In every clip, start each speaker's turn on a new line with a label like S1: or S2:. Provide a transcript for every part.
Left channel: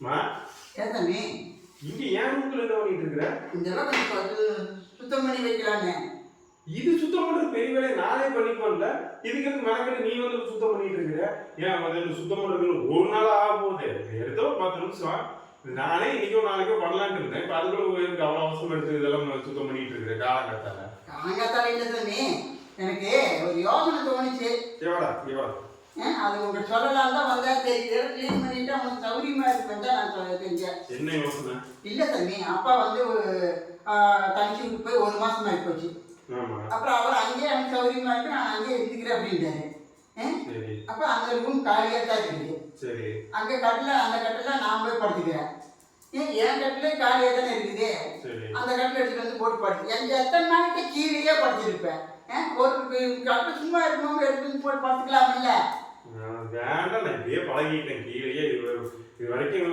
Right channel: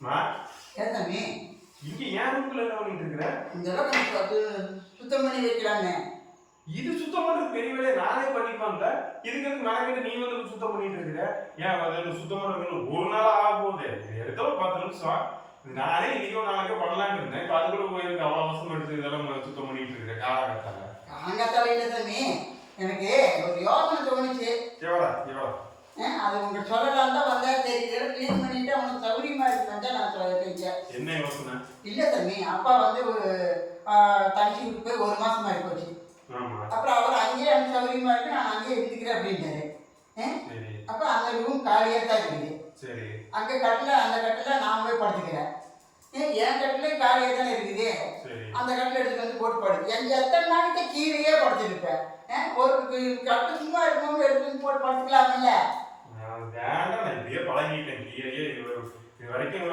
S1: மா?
S2: ஏன் தம்பி
S1: இங்க ஏன் ரூம்ல என்ன பண்ணிட்டு இருக்கிற?
S2: இதெல்லாம் கொஞ்சம் அது சுத்தம் பண்ணி வைக்கலான்னு
S1: இது சுத்தம் பண்றது பெரிய வேலையை நானே பண்ணிப்பேன்ல. இதுக்கு எதுக்கு மெனக்கெட்டு நீ வந்து சுத்தம் பண்ணிட்டு இருக்கிற? ஏன் அது சுத்தம் பண்றதுக்கு ஒரு நாள் ஆக போகுது. எடுத்த ஒரு பத்து நிமிஷம். நானே இன்னைக்கோ நாளைக்கோ பண்ணலாம்னு இருந்தேன். இப்ப அதுக்குள்ள போய் எனக்கு அவ்வளவு அவசரம் எடுத்து இதெல்லாம் சுத்தம் பண்ணிட்டு இருக்கிற காலகட்டால
S2: காலங்காத்தால இல்லை தம்பி எனக்கு ஒரு யோசனை தோணுச்சு.
S1: எவடா
S2: ஆ, அது உங்களுக்கு சொல்லலாம் தான் வந்தா சரி. க்ளீன் பண்ணிட்டு உனக்கு சௌரியமா இருக்குன்னு தான் நான் சொ- செஞ்சேன்
S1: என்ன யோசனை?
S2: இல்லை தம்பி அப்பா வந்து ஒரு தனிச்சு விட்டு போய் ஒரு மாசம் ஆகி போச்சு அப்புறம் அவர் அங்கேயே எனக்கு சௌரியமா இருக்கு நான் அங்கேயே இருந்துக்கிறேன் அப்படின்ட்டாரு. அப்போ அந்த ரூம் காலியாக தான் இருக்குது.
S1: சரி.
S2: அங்கே கட்டில் அந்த கட்டில் நான் போய் படுத்துக்கிறேன். ஏன் என் கட்டில் காலியாக தானே இருக்குது? அந்த கட்டில் எடுத்துட்டு வந்து போட்டு படுத்து எங்க எத்தனை நாளைக்கு கீழேயே படுத்திருப்பேன்? ஒரு கட்டில் சும்மா இருக்கும்போது எடுத்துட்டு வந்து போட்டு படுத்துக்கலாம்ல
S1: வேண்டாம் நான் இப்படியே பழகிட்டேன். கீழேயே இது இது வரைக்கும்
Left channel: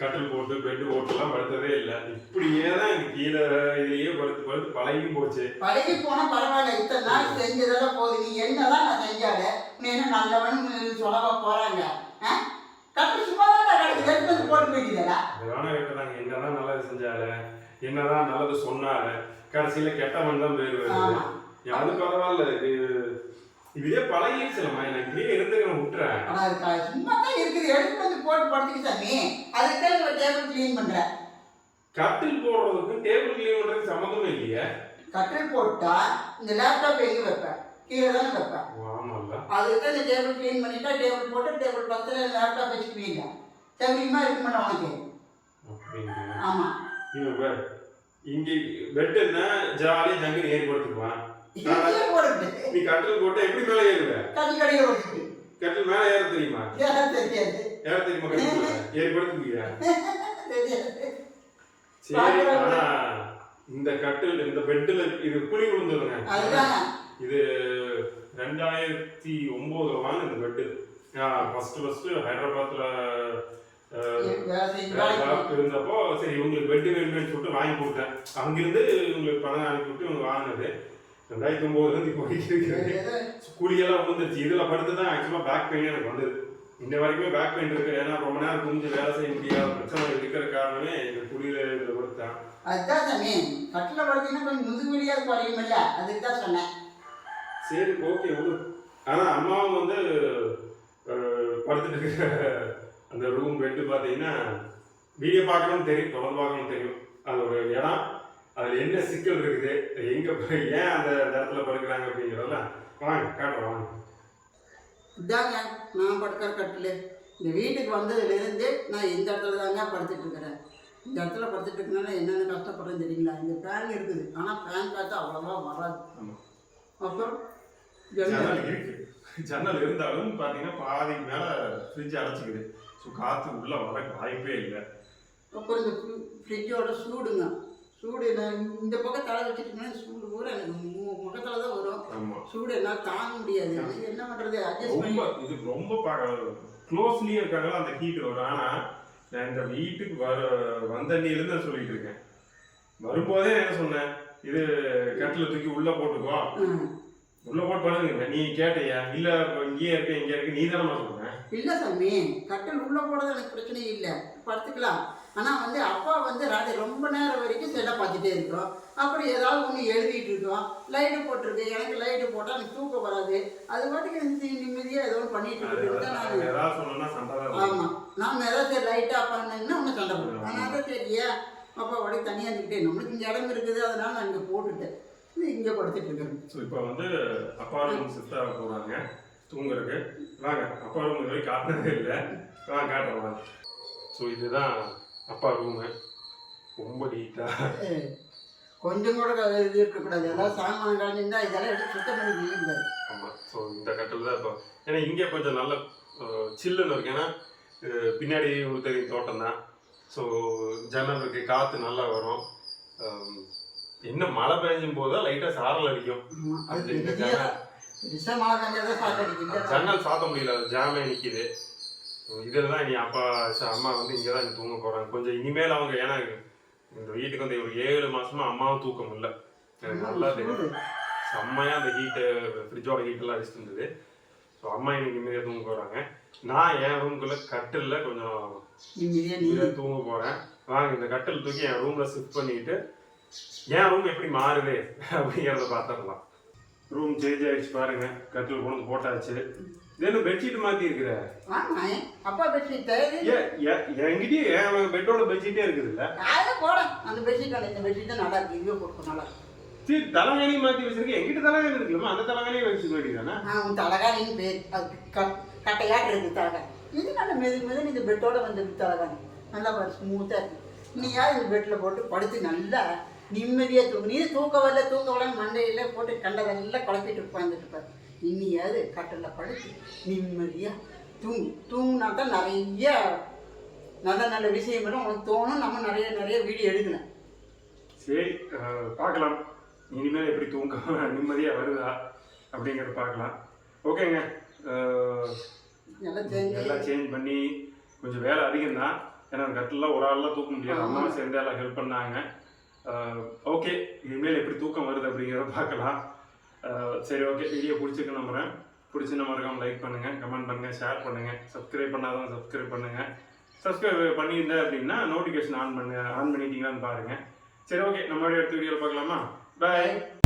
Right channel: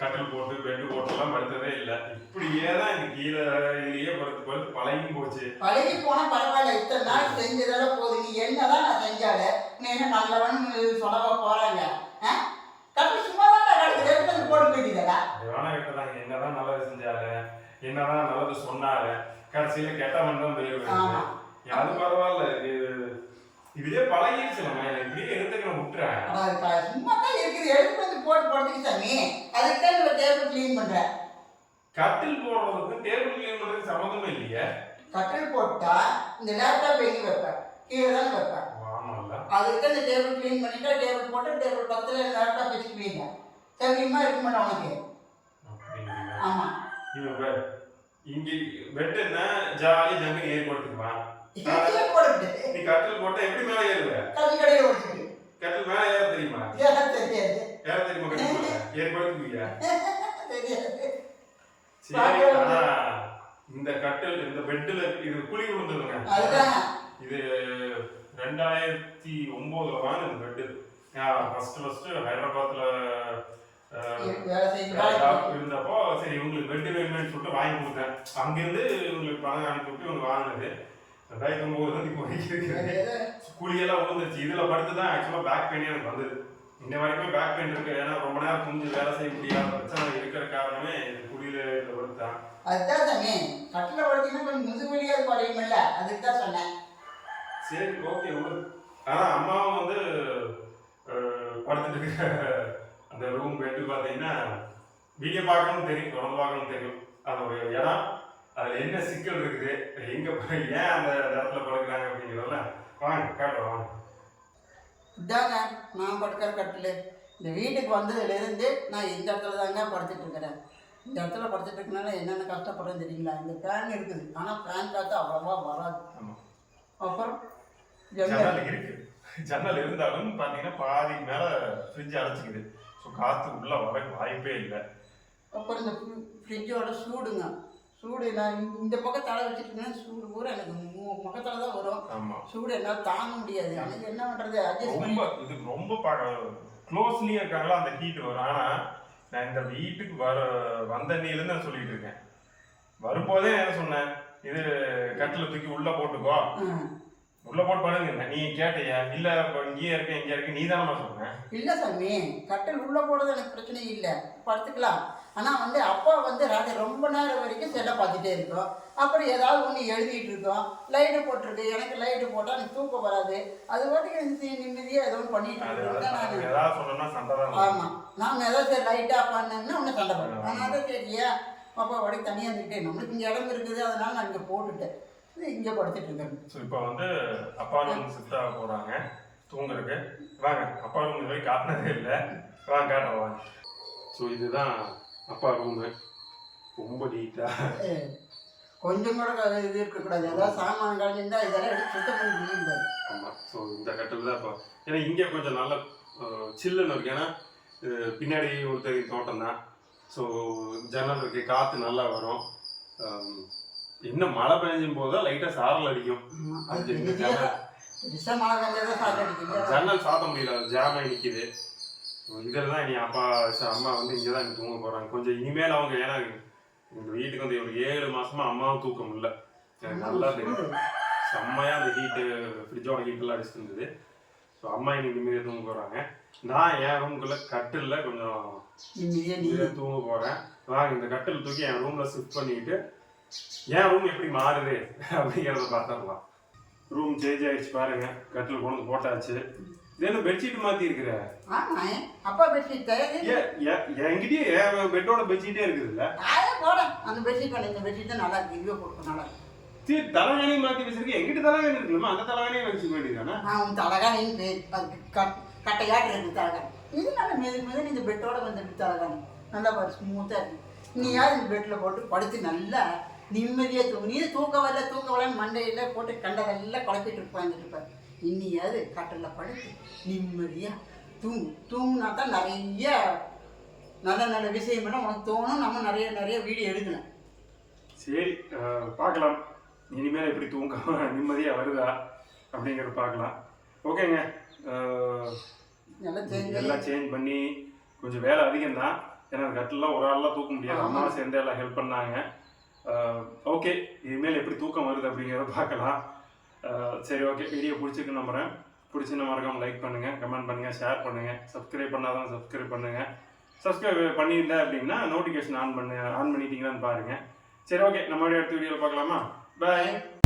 S1: கட்டில் போட்டு பெட்டு போட்டுலாம் படுத்ததே இல்லை. இப்படியே தான் எனக்கு கீழே இதுலயே படுத்து படுத்து பழகியும் போச்சு.
S2: பழகி போனா பரவாயில்ல. இத்தனை நாள் செஞ்சதெல்லாம் போதும் நீ என்னதான் நான் செஞ்சால நீ என்ன நல்லவன் சொல்லவா போறாங்க? கட்டில் சும்மா தான் கிடக்குது எடுத்து போட்டு போய்க்குதா
S1: வேணா கேட்டதாங்க என்னதான் நல்லது செஞ்சால என்னதான் நல்லது சொன்னால கடைசியில கெட்டவன் தான் பேர் வருது
S2: ஆமா.
S1: அது பரவாயில்ல. இது இதுவே பழகிடுச்சுலம்மா நான் இப்படியே எடுத்துக்கிறேன் விட்டுறேன்
S2: ஆனா அது சும்மா தான் இருக்குது. எடுத்து வந்து போட்டு படுத்துக்கு சாமி. அதுக்கு தான் ஒரு டேபிள் க்ளீன் பண்றேன்
S1: கட்டில் போடுறதுக்கும் டேபிள் கிளீன் பண்றதுக்கு சம்மந்தமே இல்லையே.
S2: கட்டில் போட்டா இந்த லேப்டாப் எங்க வைப்பேன் கீழே தானே வைப்பேன்
S1: ஆமால்ல
S2: அதுக்கு தான் இந்த டேபிள் க்ளீன் பண்ணிட்டா டேபிள் போட்டு டேபிள் பக்கத்தில் லேப்டாப் வச்சுக்குவீங்க சௌரியமா இருக்க மாட்டேன் உனக்கு.
S1: அப்படிங்கிறீங்க
S2: ஆமா.
S1: இவன் பாரு, இங்க பெட்டுன்னா ஜாலியா ஜங்குன்னு ஏறி படுத்துக்குவான்.
S2: இங்கே போடுது
S1: நீ கட்டில் போட்டா எப்படி மேல ஏறுவ?
S2: கடையில்
S1: கட்டில் மேல ஏற தெரியுமா?
S2: தெரியாது.
S1: ஏற தெரியுமா கட்டில் மேல? ஏறி படுத்துக்குவியா
S2: தெரியாது.
S1: சரி இந்த கட்டில் இந்த பெட்டுல இது குழி விழுந்ததுங்க
S2: அதுதான்.
S1: இது ரெண்டாயிரத்தி ஒன்பதுல வாங்க இந்த பெட்டு. ஃபர்ஸ்ட் ஃபர்ஸ்ட் ஹைதராபாத்ல இருந்தப்போ சரி இவங்களுக்கு பெட் வேணும்னு சொல்லிட்டு வாங்கி கொடுத்தேன். அங்கிருந்து இவங்களுக்கு பணம் அனுப்பி விட்டு இவங்க வாங்கினது. ரெண்டாயிரத்தி ஒன்பதுல இருந்து இப்போ வரைக்கும் இருக்குது குழியெல்லாம் விழுந்துருச்சு இதுல படுத்து தான் ஆக்சுவலா பேக் பெயின் எனக்கு வந்தது. இன்ன வரைக்கும் பேக் பெயின் இருக்கு. ஏன்னா ரொம்ப நேரம் குஞ்சு வேலை செய்ய முடியாத பிரச்சனை இருக்கிற காரணமே இந்த குழியில இதுல படுத்தான்
S2: அதுதான் சாமி. கட்டில் படுத்தீங்கன்னா கொஞ்சம் அதுக்கு தான் சொன்னேன்.
S1: சரி ஓகே விடு ஆனா அம்மாவும் வந்து படுத்துட்டு இருக்கிற அந்த ரூம் பெட்டு பார்த்தீங்கன்னா வீடியோ பார்க்கணும்னு தெரியும். தொடர்ந்து பார்க்கணும்னு தெரியும். அது ஒரு இடம். அதுல என்ன சிக்கல் இருக்குது? எங்க போய் ஏன் அந்த இடத்துல படுக்கிறாங்க அப்படிங்கிறதெல்லாம் வாங்க காட்டுறோம் வாங்க.
S2: இதாங்க நான் படுக்கிற கட்டில். இந்த வீட்டுக்கு வந்ததுலேருந்து நான் இந்த இடத்துல தாங்க படுத்துட்டு இருக்கிறேன். இந்த இடத்துல படுத்துட்டு இருக்கனால என்னென்ன கஷ்டப்படுறேன்னு தெரியுங்களா? இந்த ஃபேன் இருக்குது. ஆனால் ஃபேன் காற்று அவ்வளோவா வராது. அப்புறம்? ஜன்னல்
S1: இருக்கு. ஜன்னல் இருந்தாலும் பாத்தீங்கன்னா பாதி மேல ஃப்ரிட்ஜ் அடைச்சிக்குது. ஸோ காத்து உள்ள வர வாய்ப்பே இல்லை.
S2: அப்புறம் இந்த ஃப்ரிட்ஜோட சூடுங்க. சூடு நான் இந்த- பக்கம் தலை வச்சுட்டுங்கன்னா சூடு பூரா எனக்கு முகத்துல தான் வரும். சூடு என்னால் தாங்க முடியாது. ஆனால் என்ன பண்ணுறது அட்ஜஸ்ட்
S1: ரொம்ப இது ரொம்ப க்ளோஸ்லயே இருக்காங்களா அந்த ஹீட் வரும். ஆனா நான் இந்த வீட்டுக்கு வர வந்த அன்னியிலிருந்து நான் சொல்லிட்டு இருக்கேன். வரும்போதே என்ன சொன்னேன் இது கட்டில தூக்கி உள்ள போட்டுக்கோ. உள்ள போட்டு படுங்க. நீ கேட்டியா? இல்ல இங்கேயே இருக்க இங்கே இருக்க நீ தானே சொன்னேன்
S2: இல்லை சாமி கட்டில் உள்ளே போடுறது எனக்கு பிரச்சனை இல்லை. படுத்துக்கலாம். ஆனால் வந்து அப்பா வந்து ராத்திரி ரொம்ப நேரம் வரைக்கும் செல்லை பார்த்துட்டே இருக்கோம். அப்புறம் ஏதாவது ஒன்று எழுதிட்டு இருக்கோம். லைட்டு போட்டிருக்கு. எனக்கு லைட்டு போட்டால் எனக்கு தூக்கம் வராது. அது பாட்டுக்கு எனக்கு நிம்மதியாக ஏதோ ஒன்று பண்ணிட்டு
S1: வரும்.
S2: ஆமாம் நான் ஏதாவது சரி லைட்டாக பண்ணேன்னா ஒன்று சண்டை போடுவேன். அதனால தான் சரியா அப்பா வடக்கு தனியாக இருந்துக்கிட்டே நம்மளுக்கு இங்கே இடம் இருக்குது. அதனால நான் இங்கே போட்டுட்டேன். இது இங்கே படுத்துட்டு இருக்கேன்.
S1: ஸோ இப்போ வந்து அப்பா ரூம் ஷிஃப்ட் ஆக போகிறாங்க தூங்குறதுக்கு. வாங்க. அப்பா ரூம் வரைக்கும் காட்டினதே இல்லை. வாங்க காட்டுறோம் வாங்க. ஸோ இதுதான் அப்பா ரூமு ரொம்ப
S2: ஏய், கொஞ்சம் கூட இது இருக்கக்கூடாது. ஏதாவது சாமான் கலைஞ்சிருந்தா இதெல்லாம் எடுத்து சுத்தம் பண்ணி வீழ்ந்தாரு.
S1: ஆமாம் ஸோ இந்த கட்டில் தான் இப்போ ஏன்னா இங்கே கொஞ்சம் நல்ல சில்லுன்னு இருக்கு. ஏன்னா பின்னாடி ஒரு தெரியும் தோட்டம் தான். ஸோ ஜன்னல் இருக்கு காற்று நல்லா வரும். என்ன மழை பெஞ்சும் போது லைட்டாக சாரல் அடிக்கும்.
S2: அது
S1: ஜன்னல். சாத்த முடியல அது ஜாமே நிற்கிது இதில் தான் இனி அப்பா அம்மா வந்து இங்கே தான் தூங்க போகிறாங்க கொஞ்சம் இனிமேல் அவங்க ஏன்னா இந்த வீட்டுக்கு வந்து ஒரு ஏழு மாசமா அம்மாவும் தூக்கம் இல்லை எனக்கு நல்லா தெரியும் செம்மையாக அந்த ஹீட்டு ஃப்ரிட்ஜோட ஹீட்டெல்லாம் அடிச்சுட்டு இருந்தது. ஸோ அம்மா இன்னைக்கு நிம்மதியாக தூங்க போகிறாங்க நான் என் ரூம்குள்ள கட்டில்ல கொஞ்சம்
S2: நிம்மதியாக நீ.
S1: தூங்க போறேன். வாங்க இந்த கட்டில் தூக்கி என் ரூம்ல ஷிஃப்ட் பண்ணிட்டு என் ரூம் எப்படி மாறுது அப்படிங்கிறத பார்த்துடலாம். ரூம் சேஞ்ச் ஆயிடுச்சு பாருங்க. கட்டில் கொண்டு போட்டாச்சு. என்ன பெட்ஷீட் மாத்தி இருக்கிற
S2: ஆமாம் அப்பா
S1: ஏன் என்கிட்டயும் என் பெட்டோட பெட்ஷீட்டே இருக்குது இல்ல
S2: அதே போட அந்த பெட்ஷீட் இந்த பெட்ஷீட் நல்லா இருக்கு. இங்கே போட்டு நல்லா
S1: சரி தலைகாணியும் மாத்தி வச்சிருக்கேன் எங்கிட்ட தலைகாணி இருக்குல்லமா அந்த தலைகாணியும் வச்சுக்க வேண்டியதானே
S2: அவன் தலகாணின்னு பேர். அதுக்கு கட் கட்டையாக இருக்கு தலகாணி. இது நல்ல மெது மெது இந்த பெட்டோட வந்துருக்கு தலகாணி. நல்லா பாரு ஸ்மூத்தாக இருக்கு. நீ யார் இந்த பெட்டில் போட்டு படுத்து நல்லா நிம்மதியாக தூங்கு. நீ தூக்க வரல தூங்க வரலன்னு மண்டையில் போட்டு கண்டதெல்லாம் குழப்பிட்டு உட்காந்துட்டு இருப்பார். இன்னியாவது கட்டில் படுத்து நிம்மதியாக தூங்கு. தூங்கினா தான் நிறைய நல்ல நல்ல விஷயங்களும் உனக்கு தோணும். நம்ம நிறைய நிறைய வீடியோ எடுக்கலாம்.
S1: சரி பார்க்கலாம். இனிமேல் எப்படி தூக்கம் நிம்மதியாக வருதா அப்படிங்கிறத பார்க்கலாம். ஓகேங்க.
S2: எல்லாம்
S1: சேஞ்ச் பண்ணி கொஞ்சம் வேலை அதிகம் தான் ஏன்னா கட்டில் ஒரு ஆள்லாம் தூக்க முடியாது. அம்மா சேர்ந்து எல்லாம் ஹெல்ப் பண்ணாங்க. ஓகே. இனிமேல் எப்படி தூக்கம் வருது அப்படிங்கிறத பார்க்கலாம். சரி ஓகே வீடியோ பிடிச்சிருக்கு நம்புகிறேன் பிடிச்சிருந்த மறக்காம லைக் பண்ணுங்கள் கமெண்ட் பண்ணுங்கள் ஷேர் பண்ணுங்கள் சப்ஸ்கிரைப் பண்ணாதான் சப்ஸ்கிரைப் பண்ணுங்கள் சப்ஸ்கிரைப் பண்ணியிருந்தேன் அப்படின்னா நோட்டிஃபிகேஷன் ஆன் பண்ணு ஆன் பண்ணிட்டீங்களான்னு பாருங்கள் சரி ஓகே நம்ம அடுத்த வீடியோவில் பார்க்கலாமா? பாய்